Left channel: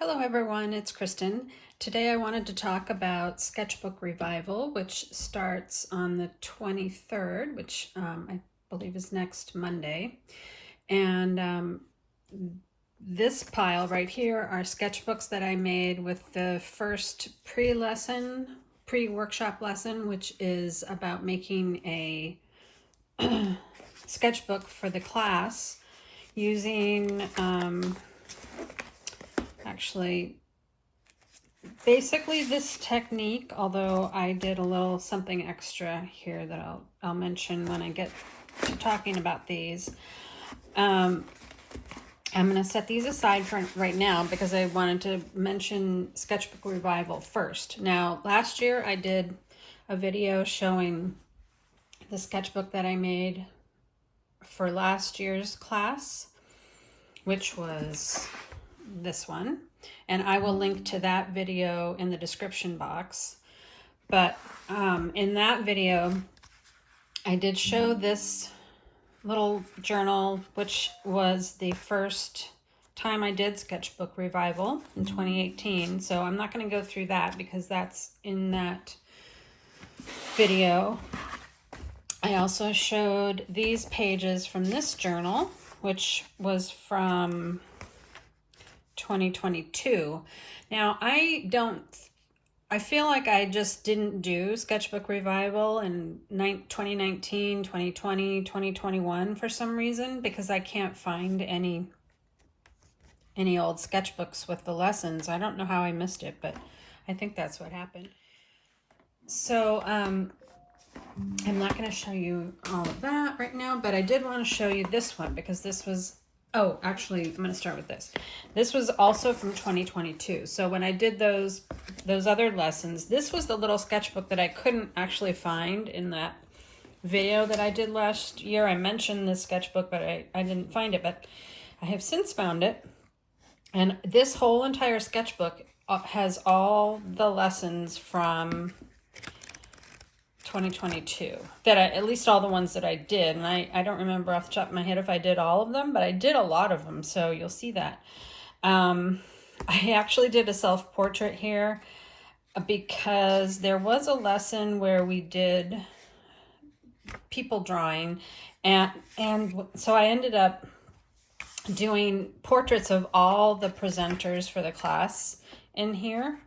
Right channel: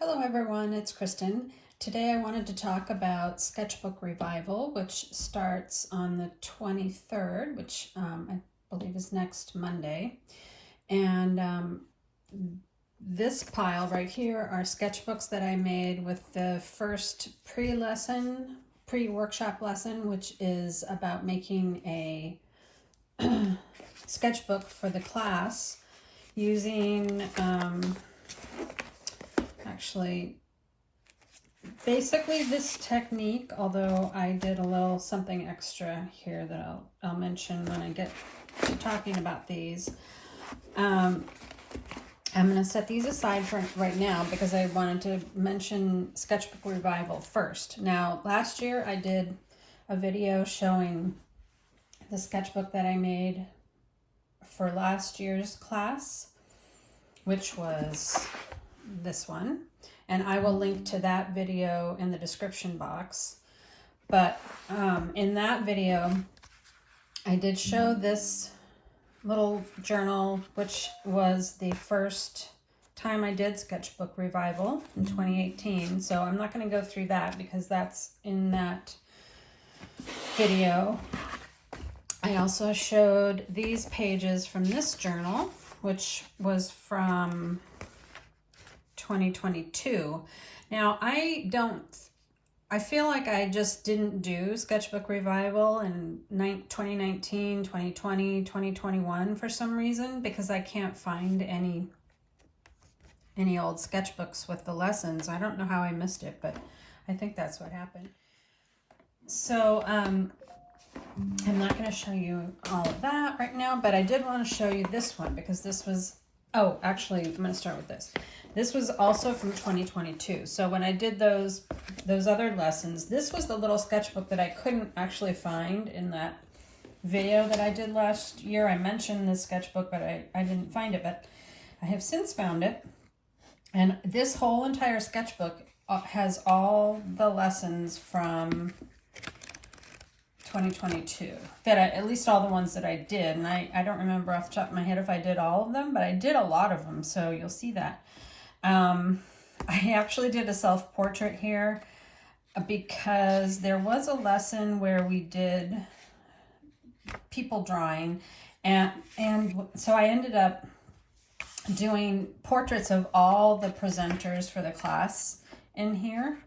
Hello everyone, it's Kristen. Today I wanted to talk about Sketchbook Revival, which starts on the 23rd, which I believe is next Monday. And this pile right here are sketchbooks that I made with the first pre-workshop lesson, which is about making a sketchbook for the class using actually basically this technique, although I did a little something extra here that I'll mention when I get to talking about these. I'm going to set these aside for right now because I wanted to mention Sketchbook Revival first. Now, last year I did a video showing the sketchbook that I made for last year's class, which was this one, and I will link to that video in the description box. But in that video I did show this little journal, which was the first time I did Sketchbook Revival in 2018. So I'm not going to go through that because that's in that video. I also showed these pages from this journal, which was from 2022. Now, I feel like I just didn't do Sketchbook Revival in 2019, 2020, 2021 for some reason, because I can't find any old sketchbooks with the lessons. I don't know how I missed it, but I think that's what happened. So I'm not going to show you all of that right now, but I did want to show you this one because this was, oh, actually, I'm going to start with this. This was also from 2022. So when I did those other lessons, this was the little sketchbook that I couldn't actually find in that video that I did last year. I mentioned this sketchbook, but I didn't find it, but I have since found it. And this whole entire sketchbook has all the lessons from 2022, at least all the ones that I did. And I don't remember off the top of my head if I did all of them, but I did a lot of them, so you'll see that. I actually did a self-portrait here because there was a lesson where we did people drawing, and so I ended up doing portraits of all the presenters for the class in here,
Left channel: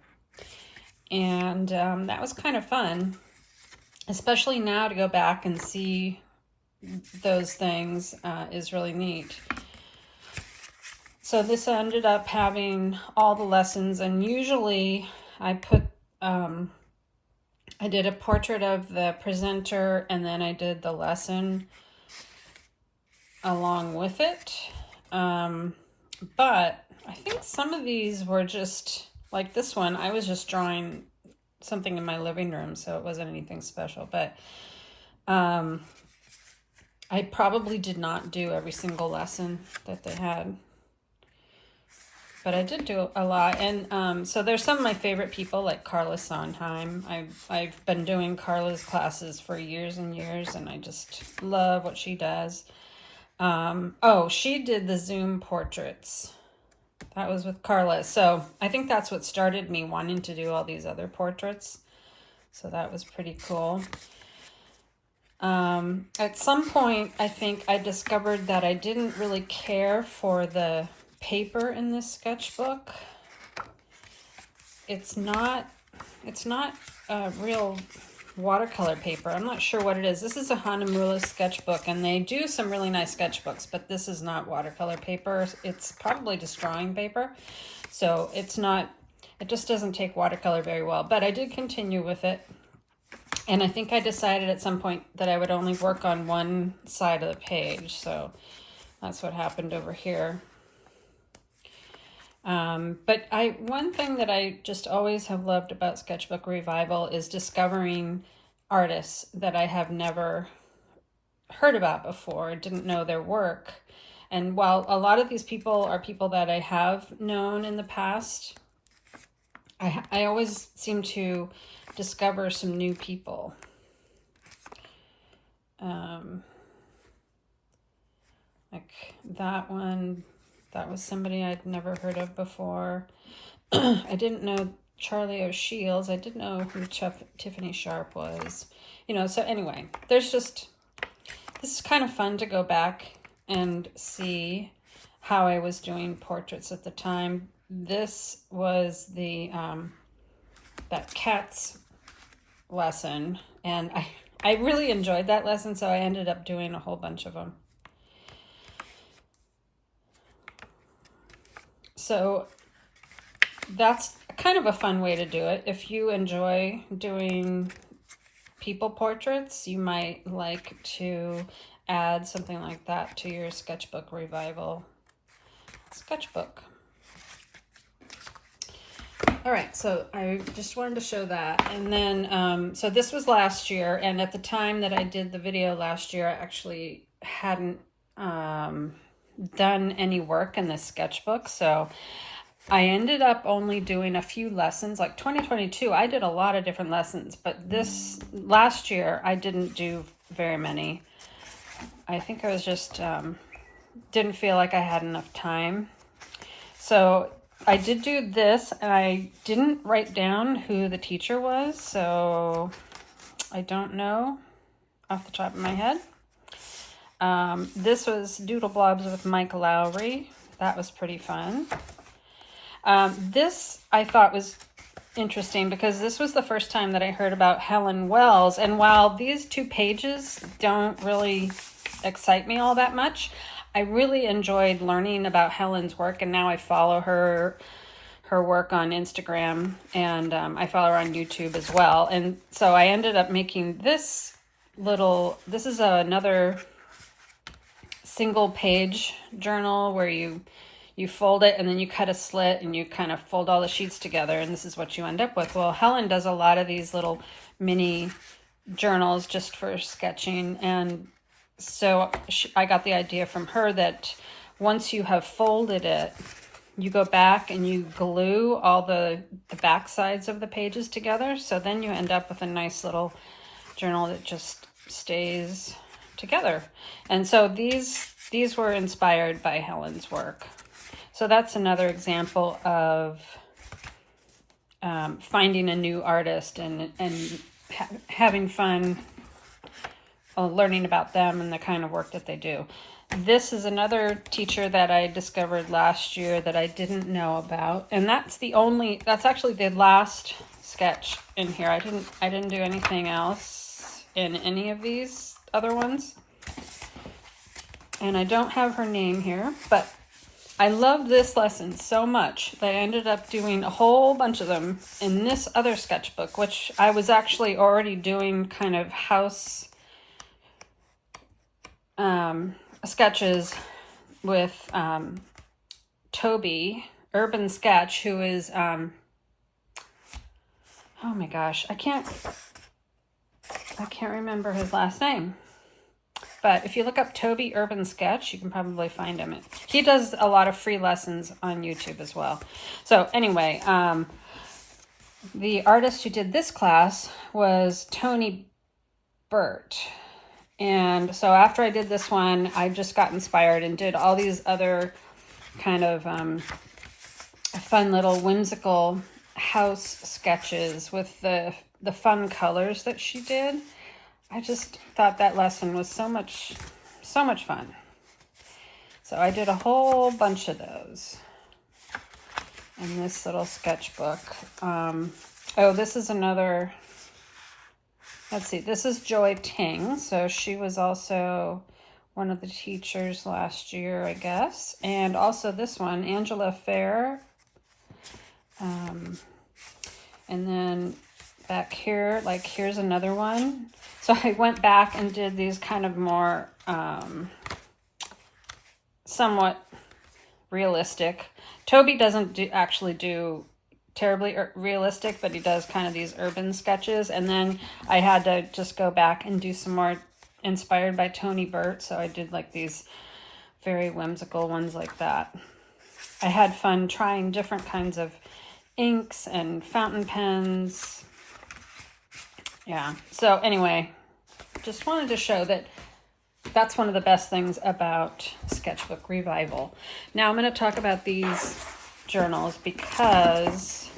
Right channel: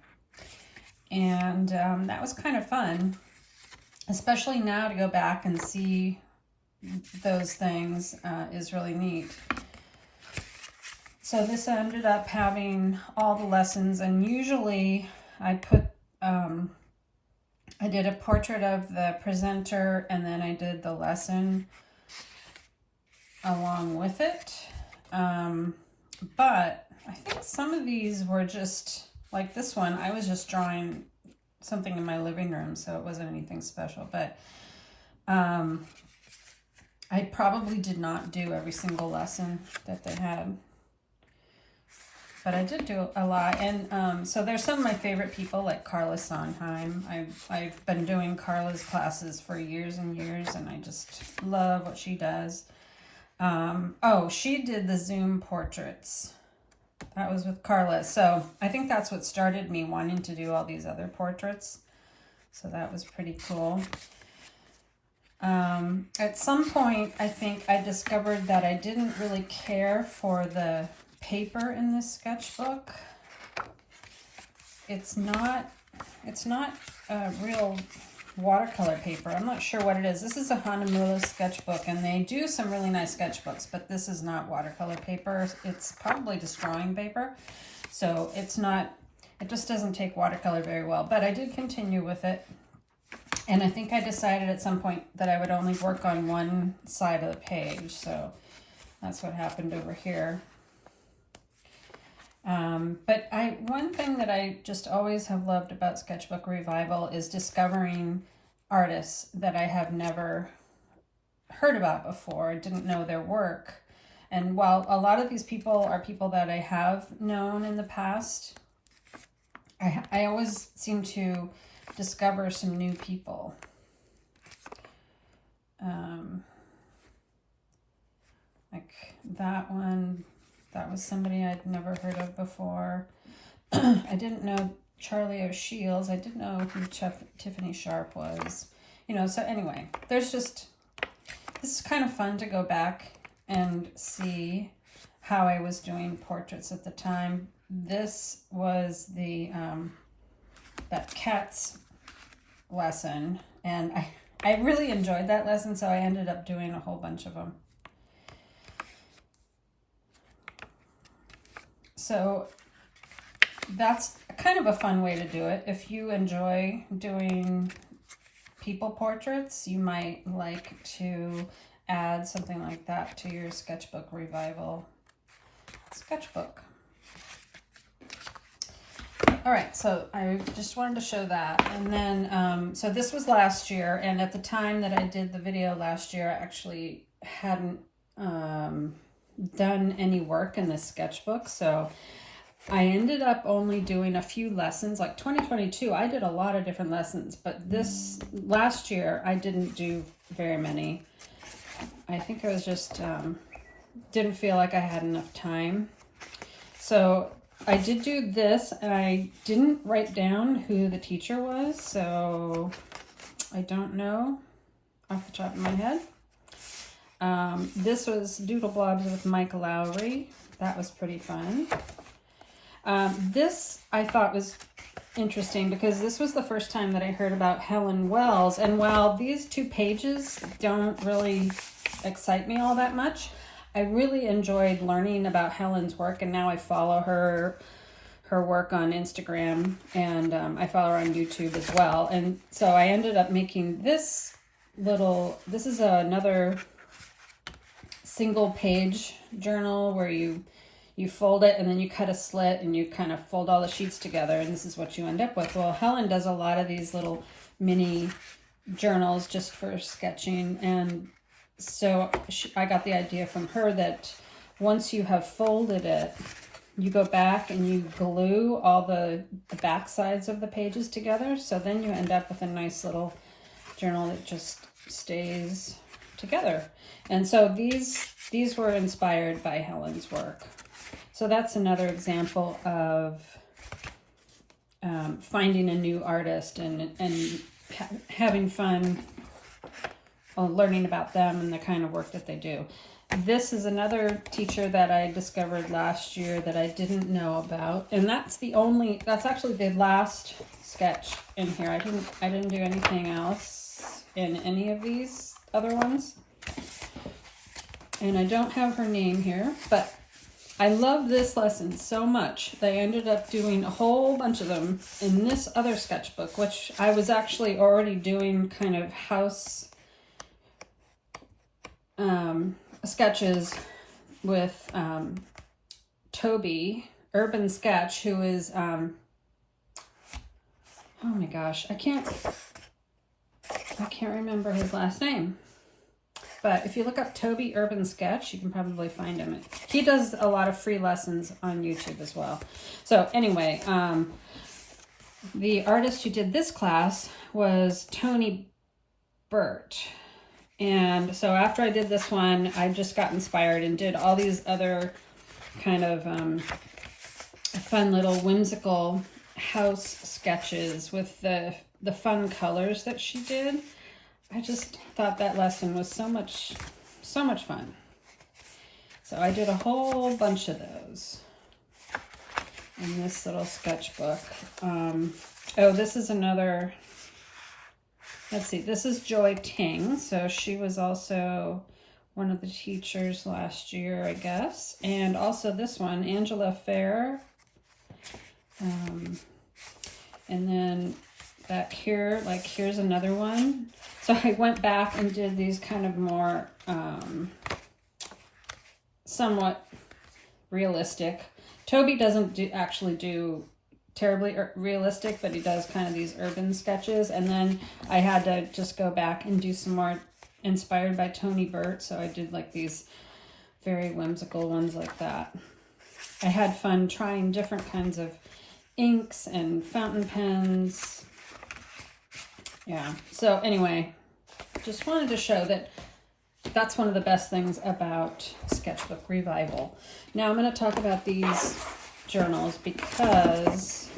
and that was kind of fun, especially now to go back and see those things is really neat. So this ended up having all the lessons, and usually I put, I did a portrait of the presenter and then I did the lesson along with it. But I think some of these were just, like this one, I was just drawing something in my living room, so it wasn't anything special, but I probably did not do every single lesson that they had, but I did do a lot. And so there's some of my favorite people, like Carla Sondheim. I've been doing Carla's classes for years and years, and I just love what she does. Oh, she did the Zoom portraits. That was with Carla. So I think that's what started me wanting to do all these other portraits. So that was pretty cool. At some point, I think I discovered that I didn't really care for the paper in this sketchbook. It's not a real watercolor paper. I'm not sure what it is. This is a Hanamulo sketchbook, and they do some really nice sketchbooks, but this is not watercolor paper. It's probably just drawing paper. So it just doesn't take watercolor very well, but I did continue with it. And I think I decided at some point that I would only work on one side of the page. So that's what happened over here. But one thing that I just always have loved about Sketchbook Revival is discovering artists that I have never heard about before, didn't know their work. And while a lot of these people are people that I have known in the past, I always seem to discover some new people. Like that one, That was somebody I'd never heard of before. I didn't know Charlie O'Shields. I didn't know who Tiffany Sharp was. You know, so anyway, this is kind of fun to go back and see how I was doing portraits at the time. This was the that cats lesson, and I really enjoyed that lesson, so I ended up doing a whole bunch of them. So that's kind of a fun way to do it. If you enjoy doing people portraits, you might like to add something like that to your Sketchbook Revival sketchbook. All right, so I just wanted to show that. And then, so this was last year, and at the time that I did the video last year, I actually hadn't done any work in the sketchbook. So I ended up only doing a few lessons. Like 2022, I did a lot of different lessons, but this last year, I didn't do very many. I think I was just, didn't feel like I had enough time. So I did do this, and I didn't write down who the teacher was, so I don't know off the top of my head. This was Doodle Blobs with Mike Lowry. That was pretty fun. This I thought was interesting because this was the first time that I heard about Helen Wells, and while these 2 pages don't really excite me all that much, I really enjoyed learning about Helen's work, and now I follow her work on Instagram, and I follow her on YouTube as well. And so I ended up making this is another single page journal where you fold it and then you cut a slit and you kind of fold all the sheets together, and this is what you end up with. Well, Helen does a lot of these little mini journals just for sketching, and so I got the idea from her that once you have folded it, you go back and you glue all the back sides of the pages together. So then you end up with a nice little journal that just stays together. And so these were inspired by Helen's work. So that's another example of finding a new artist and having fun learning about them and the kind of work that they do. This is another teacher that I discovered last year that I didn't know about, and that's actually the last sketch in here. I didn't do anything else in any of these other ones, and I don't have her name here, but I love this lesson so much that I ended up doing a whole bunch of them in this other sketchbook, which I was actually already doing kind of house sketches with Toby Urban Sketch, who is oh my gosh, I can't remember his last name, but if you look up Toby Urban Sketch, you can probably find him. He does a lot of free lessons on YouTube as well. So anyway, the artist who did this class was Tony Burt. And so after I did this one, I just got inspired and did all these other kind of fun little whimsical house sketches with the fun colors that she did. I just thought that lesson was so much fun. So I did a whole bunch of those in this little sketchbook. Oh, this is another... Let's see, this is Joy Ting. So she was also one of the teachers last year, I guess. And also this one, Angela Fair. And then back here, like here's another one. So I went back and did these kind of more somewhat realistic. Toby doesn't actually do terribly realistic, but he does kind of these urban sketches. And then I had to just go back and do some more inspired by Tony Burt, so I did like these very whimsical ones like that. I had fun trying different kinds of inks and fountain pens. Yeah, so anyway, just wanted to show that that's one of the best things about Sketchbook Revival. Now I'm going to talk about these journals because,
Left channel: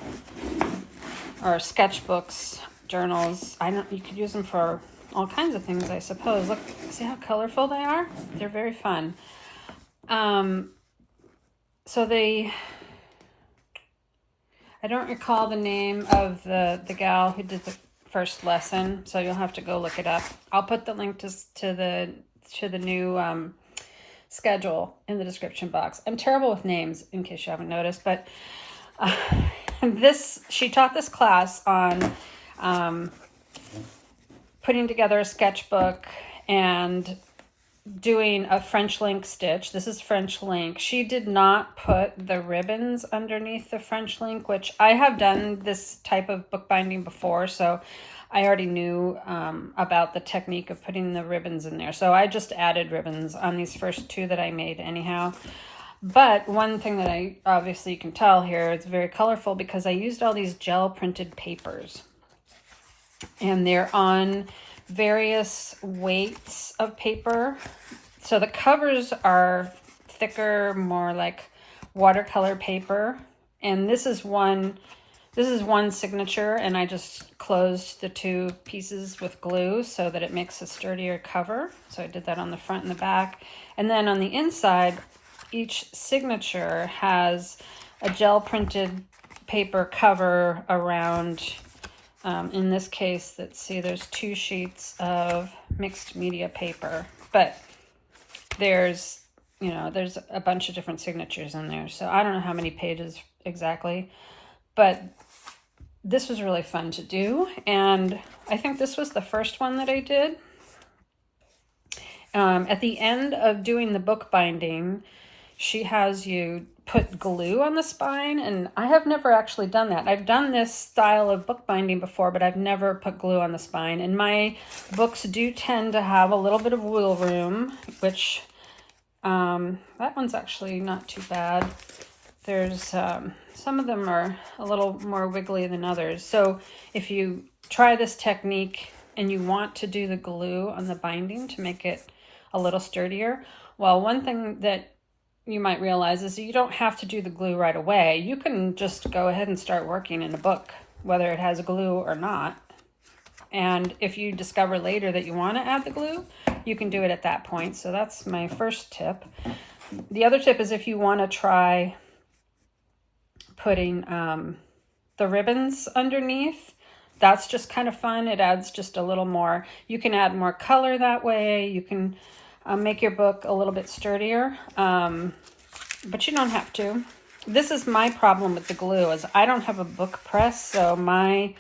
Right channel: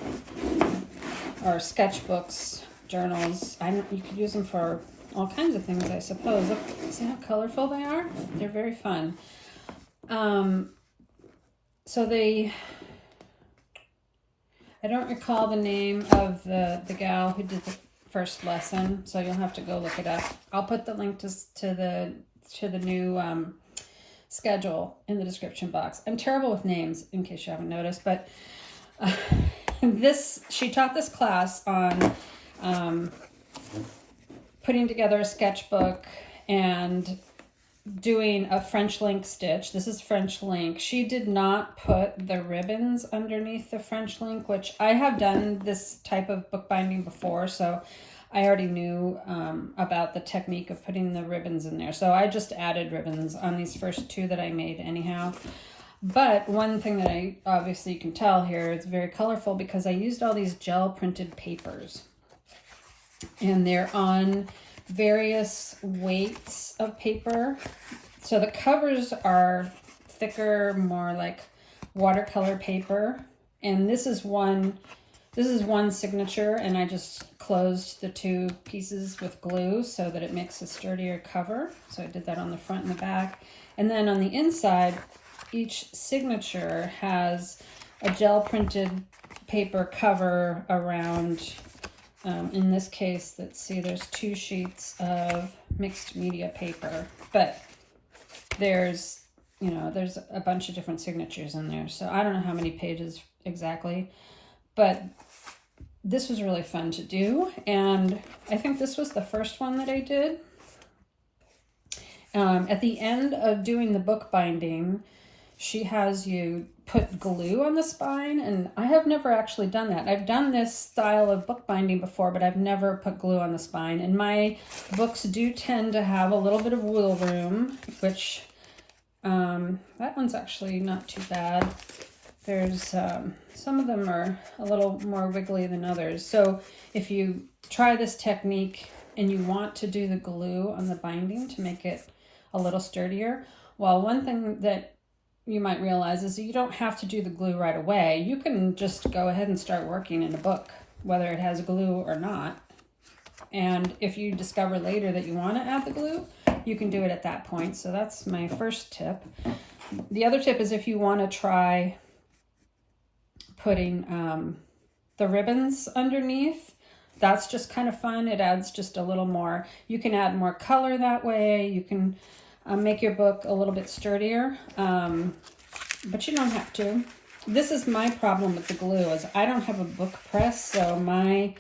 or sketchbooks, journals. I know you could use them for all kinds of things, I suppose. Look, see how colorful they are? They're very fun. So I don't recall the name of the gal who did the first lesson, so you'll have to go look it up. I'll put the link to the new schedule in the description box. I'm terrible with names, in case you haven't noticed, but she taught this class on putting together a sketchbook and doing a French link stitch. This is French link. She did not put the ribbons underneath the French link, which I have done this type of bookbinding before, so I already knew about the technique of putting the ribbons in there. So I just added ribbons on these first two that I made anyhow. But one thing that I obviously you can tell here, it's very colorful because I used all these gel printed papers. And they're on various weights of paper. So the covers are thicker, more like watercolor paper. And this is one signature, and I just closed the two pieces with glue so that it makes a sturdier cover. So I did that on the front and the back. And then on the inside, each signature has a gel printed paper cover around, in this case, let's see, there's 2 sheets of mixed media paper, but there's a bunch of different signatures in there. So I don't know how many pages exactly, but this was really fun to do. And I think this was the first one that I did. At the end of doing the bookbinding, she has you put glue on the spine, and I have never actually done that. I've done this style of bookbinding before, but I've never put glue on the spine. And my books do tend to have a little bit of wiggle room, which that one's actually not too bad. There's some of them are a little more wiggly than others. So if you try this technique and you want to do the glue on the binding to make it a little sturdier, well, one thing that you might realize is that you don't have to do the glue right away. You can just go ahead and start working in a book, whether it has glue or not. And if you discover later that you want to add the glue, you can do it at that point. So that's my first tip. The other tip is if you want to try putting the ribbons underneath, that's just kind of fun. It adds just a little more. You can add more color that way. You can make your book a little bit sturdier, but you don't have to. This is my problem with the glue, is I don't have a book press, so my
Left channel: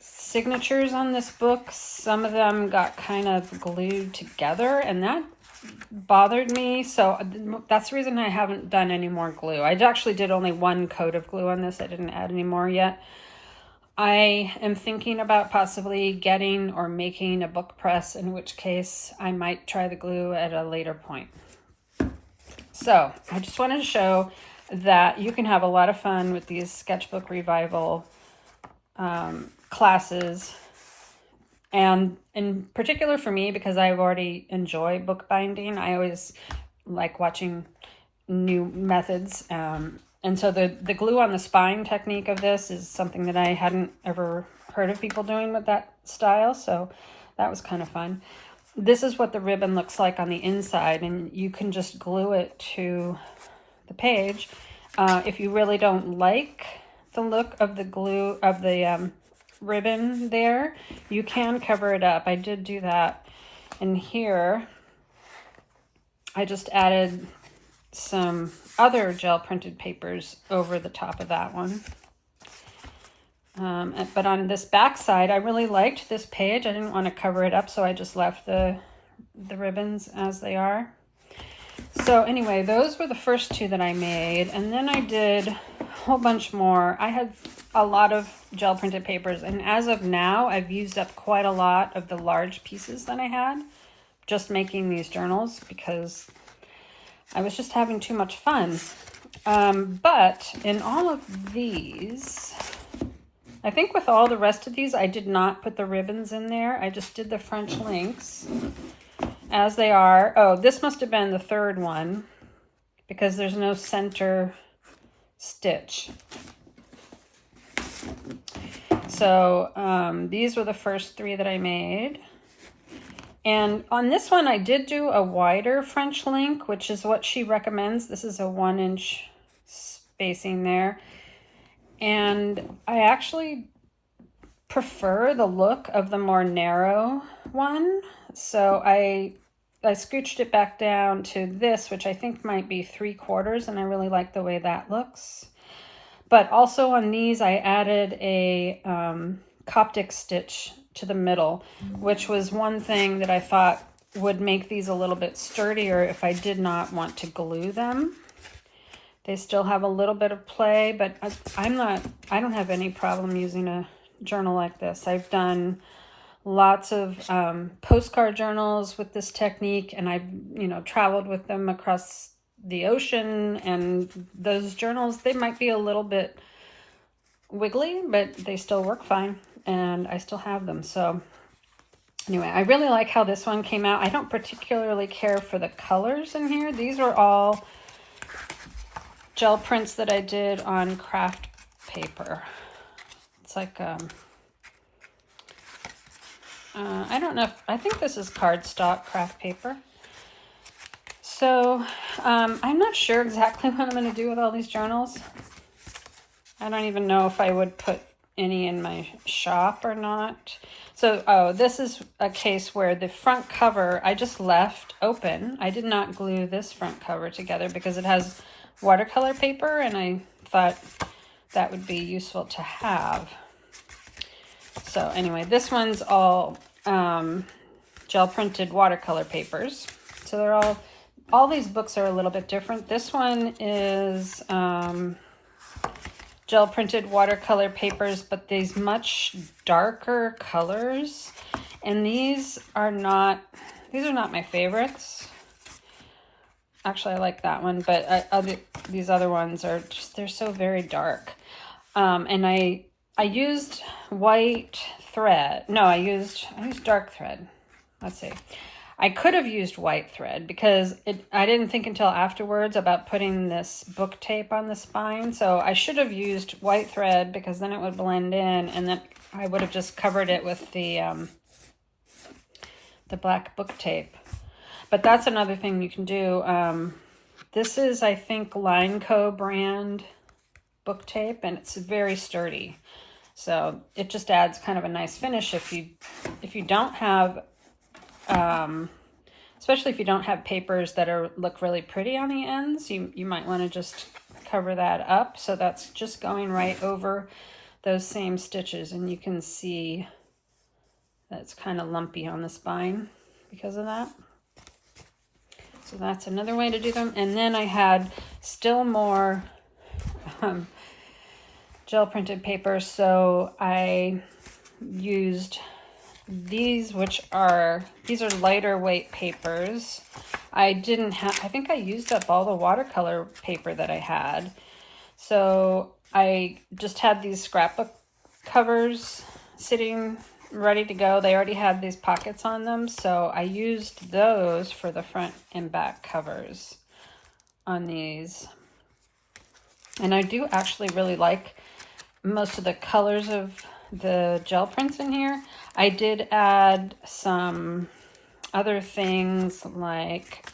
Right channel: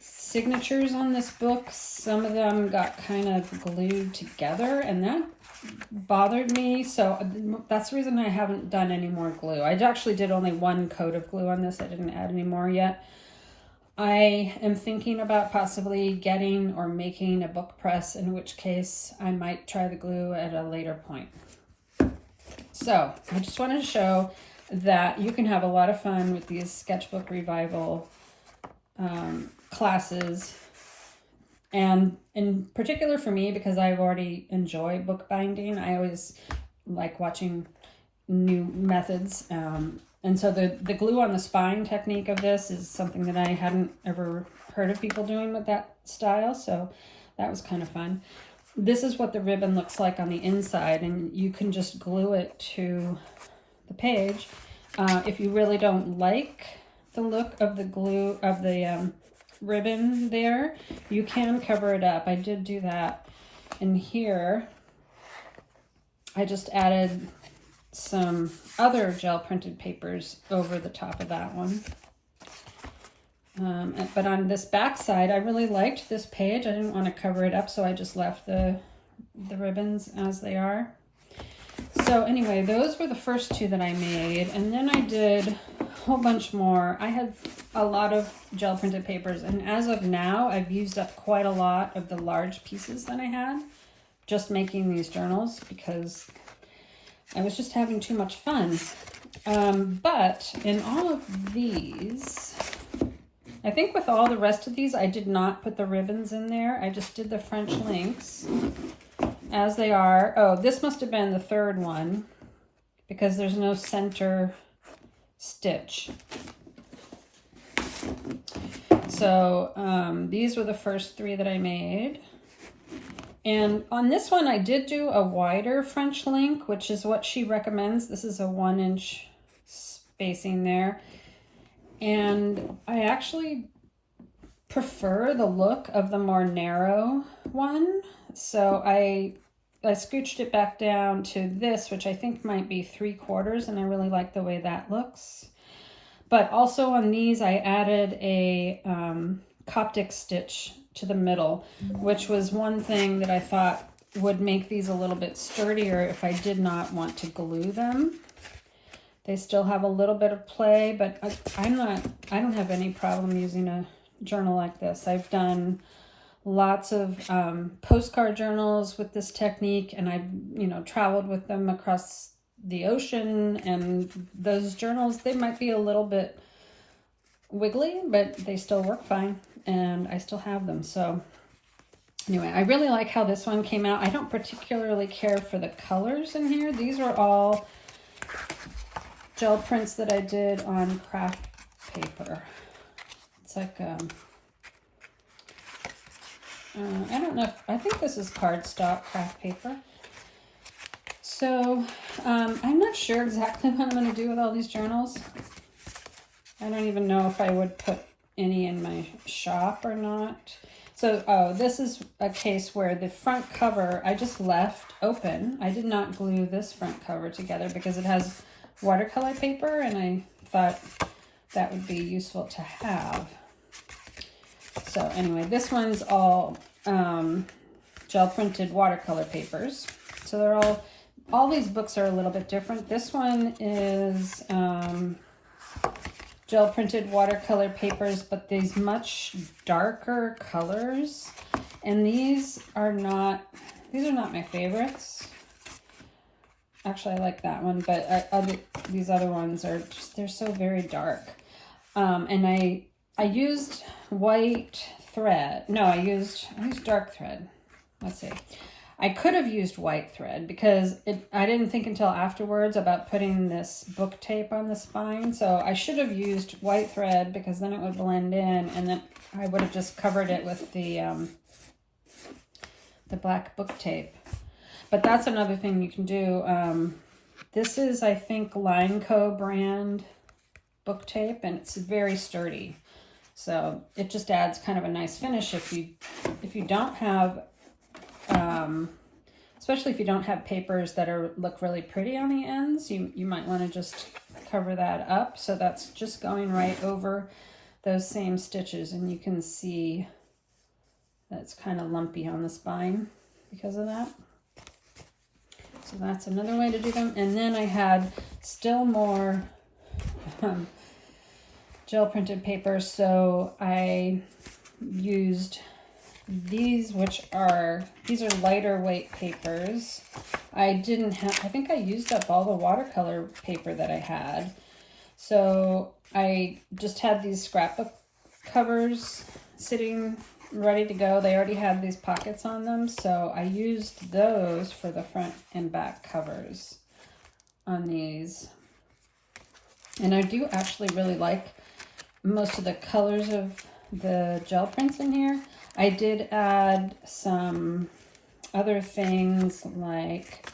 signatures on this book, some of them got kind of glued together, and that bothered me. So that's the reason I haven't done any more glue. I actually did only 1 coat of glue on this. I didn't add any more yet. I am thinking about possibly getting or making a book press, in which case I might try the glue at a later point. So I just wanted to show that you can have a lot of fun with these Sketchbook Revival classes. And in particular for me, because I've already enjoyed bookbinding, I always like watching new methods. And so the glue on the spine technique of this is something that I hadn't ever heard of people doing with that style. So that was kind of fun. This is what the ribbon looks like on the inside, and you can just glue it to the page. If you really don't like the look of the glue of the ribbon there, you can cover it up. I did do that. And here I just added some other gel printed papers over the top of that one. But on this back side, I really liked this page. I didn't want to cover it up, so I just left the ribbons as they are. So anyway, those were the first 2 that I made, and then I did a whole bunch more. I had a lot of gel printed papers, and as of now, I've used up quite a lot of the large pieces that I had just making these journals, because I was just having too much fun. But in all of these, I think with all the rest of these, I did not put the ribbons in there. I just did the French links. as they are. Oh, this must have been the third one because there's no center stitch. So these were the first 3 that I made. And on this one, I did do a wider French link, which is what she recommends. This is a 1-inch spacing there. And I actually prefer the look of the more narrow one. So I scooched it back down to this, which I think might be 3/4, and I really like the way that looks. But also on these, I added a Coptic stitch to the middle, which was one thing that I thought would make these a little bit sturdier if I did not want to glue them. They still have a little bit of play, but I don't have any problem using a journal like this. I've done lots of postcard journals with this technique, and I've, traveled with them across the ocean, and those journals, they might be a little bit wiggly, but they still work fine, and I still have them. So anyway, I really like how this one came out. I don't particularly care for the colors in here. These are all gel prints that I did on craft paper. It's like I don't know, I think this is cardstock craft paper. So I'm not sure exactly what I'm going to do with all these journals. I don't even know if I would put any in my shop or not. So, this is a case where the front cover I just left open. I did not glue this front cover together because it has watercolor paper, and I thought that would be useful to have. So anyway, this one's all gel printed watercolor papers. So they're all these books are a little bit different. This one is gel printed watercolor papers, but these much darker colors. And these are not my favorites. Actually, I like that one, but these other ones are just, they're so very dark. And I used white thread. No, I used dark thread. Let's see. I could have used white thread because I didn't think until afterwards about putting this book tape on the spine. So I should have used white thread because then it would blend in, and then I would have just covered it with the black book tape. But that's another thing you can do. This is, I think, Lineco brand book tape, and it's very sturdy. So it just adds kind of a nice finish if you don't have, especially if you don't have papers that look really pretty on the ends, you might want to just cover that up. So that's just going right over those same stitches, and you can see that it's kind of lumpy on the spine because of that. So that's another way to do them. And then I had still more gel printed paper. So I used these, these are lighter weight papers. I think I used up all the watercolor paper that I had. So I just had these scrapbook covers sitting ready to go. They already had these pockets on them, so I used those for the front and back covers on these. And I do actually really like most of the colors of the gel prints in here. I did add some other things like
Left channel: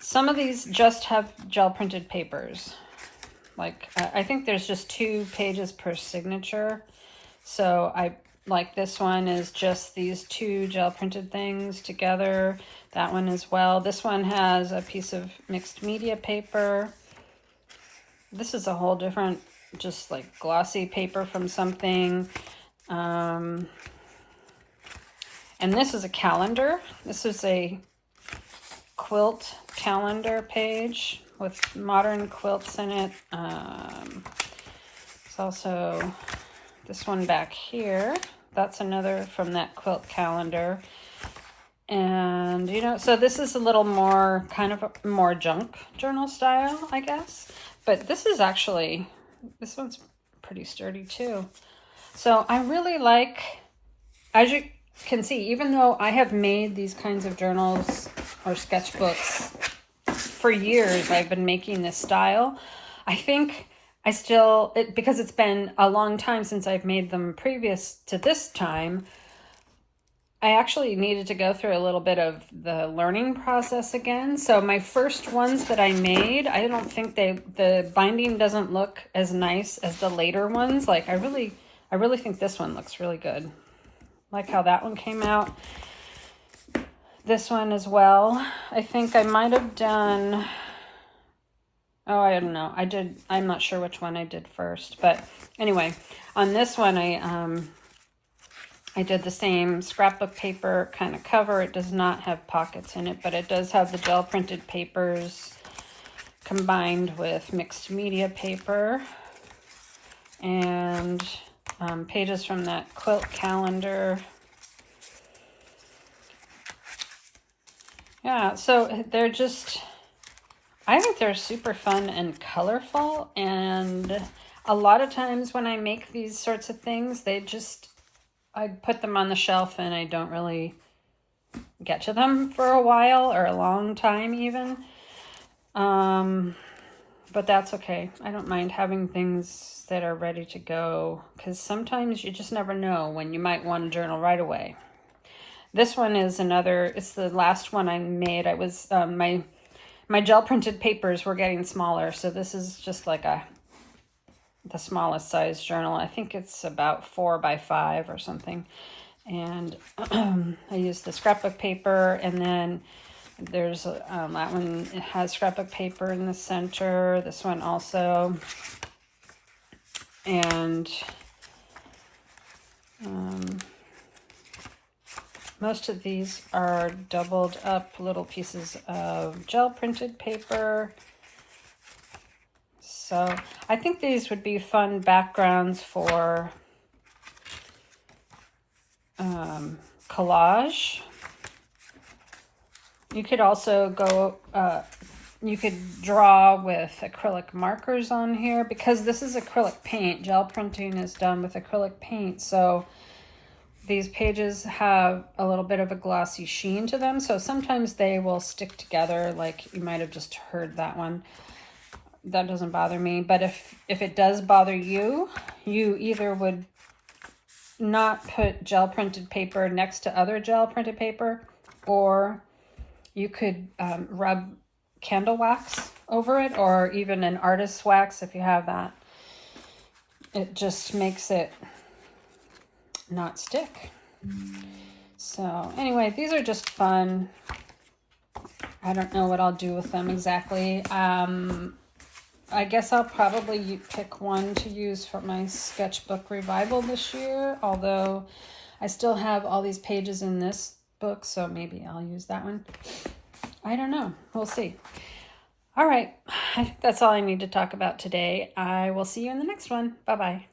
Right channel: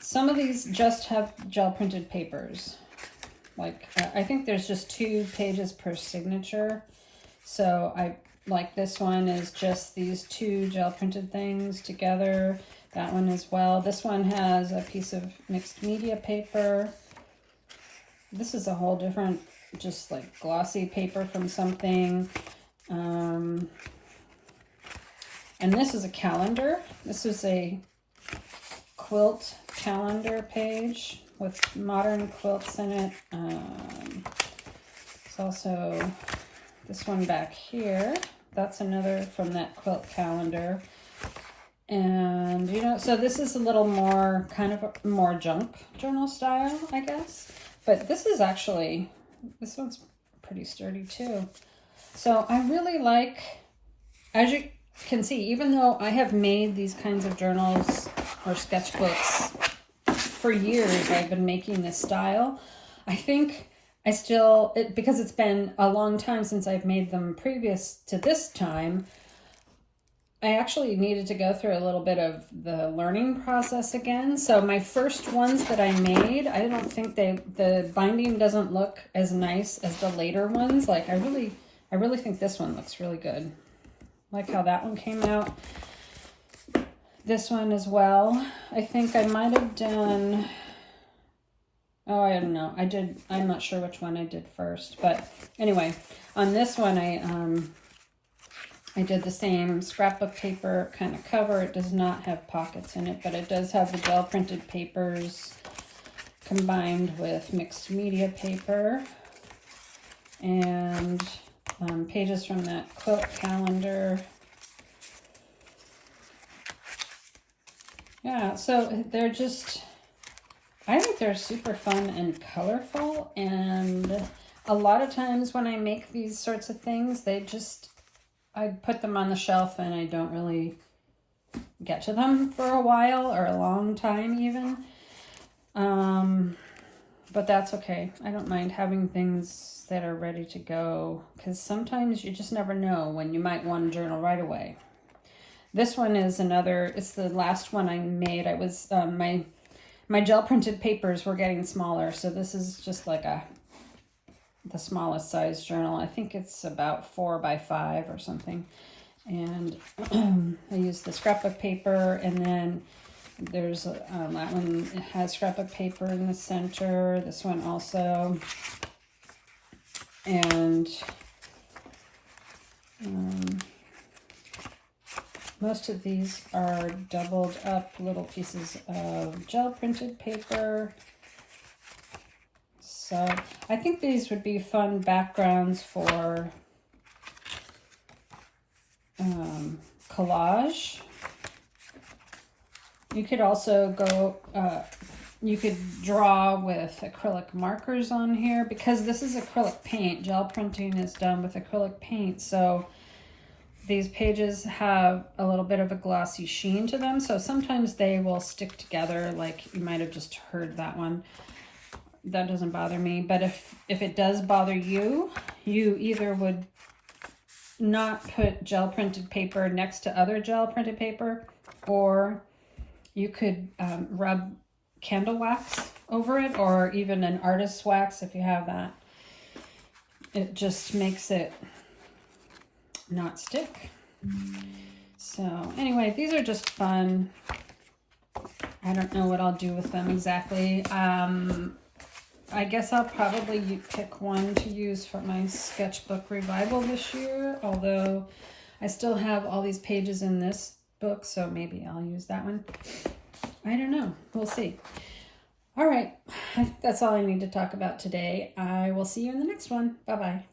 some of these just have gel printed papers. Like I think there's just 2 pages per signature. So like this one is just these 2 gel printed things together. That one as well. This one has a piece of mixed media paper. This is a whole different, just like glossy paper from something. And this is a calendar. This is a quilt calendar page with modern quilts in it. It's also this one back here. That's another from that quilt calendar. And, so this is a little more, kind of a more junk journal style, I guess. But this one's pretty sturdy too. So I really like, can see, even though I have made these kinds of journals or sketchbooks for years, I've been making this style, I think I still, because it's been a long time since I've made them previous to this time, I actually needed to go through a little bit of the learning process again. So my first ones that I made, I don't think the binding doesn't look as nice as the later ones. Like I really think this one looks really good. Like how that one came out. This one as well. I think I might have done, oh, I don't know. I'm not sure which one I did first. But anyway, on this one, I did the same scrapbook paper kind of cover. It does not have pockets in it, but it does have the gel printed papers combined with mixed media paper and pages from that quilt calendar. Yeah, so they're just, I think they're super fun and colorful, and a lot of times when I make these sorts of things, I put them on the shelf and I don't really get to them for a while or a long time even. But that's okay. I don't mind having things that are ready to go, because sometimes you just never know when you might want to journal right away. This one is it's the last one I made. I was, my gel printed papers were getting smaller, so this is just like the smallest size journal. I think it's about 4 by 5 or something. And I used the scrapbook paper, and then there's that one, it has scrapbook paper in the center. This one also. And most of these are doubled up little pieces of gel printed paper. So I think these would be fun backgrounds for collage. You could also go, you could draw with acrylic markers on here, because this is acrylic paint. Gel printing is done with acrylic paint, so these pages have a little bit of a glossy sheen to them, so sometimes they will stick together, like you might have just heard that one. That doesn't bother me, but if it does bother you, you either would not put gel printed paper next to other gel printed paper, or you could rub candle wax over it, or even an artist's wax if you have that. It just makes it not stick. So anyway, these are just fun. I don't know what I'll do with them exactly. I guess I'll probably pick one to use for my Sketchbook Revival this year, although I still have all these pages in this book, so maybe I'll use that one. I don't know. We'll see. All right. That's all I need to talk about today. I will see you in the next one. Bye-bye.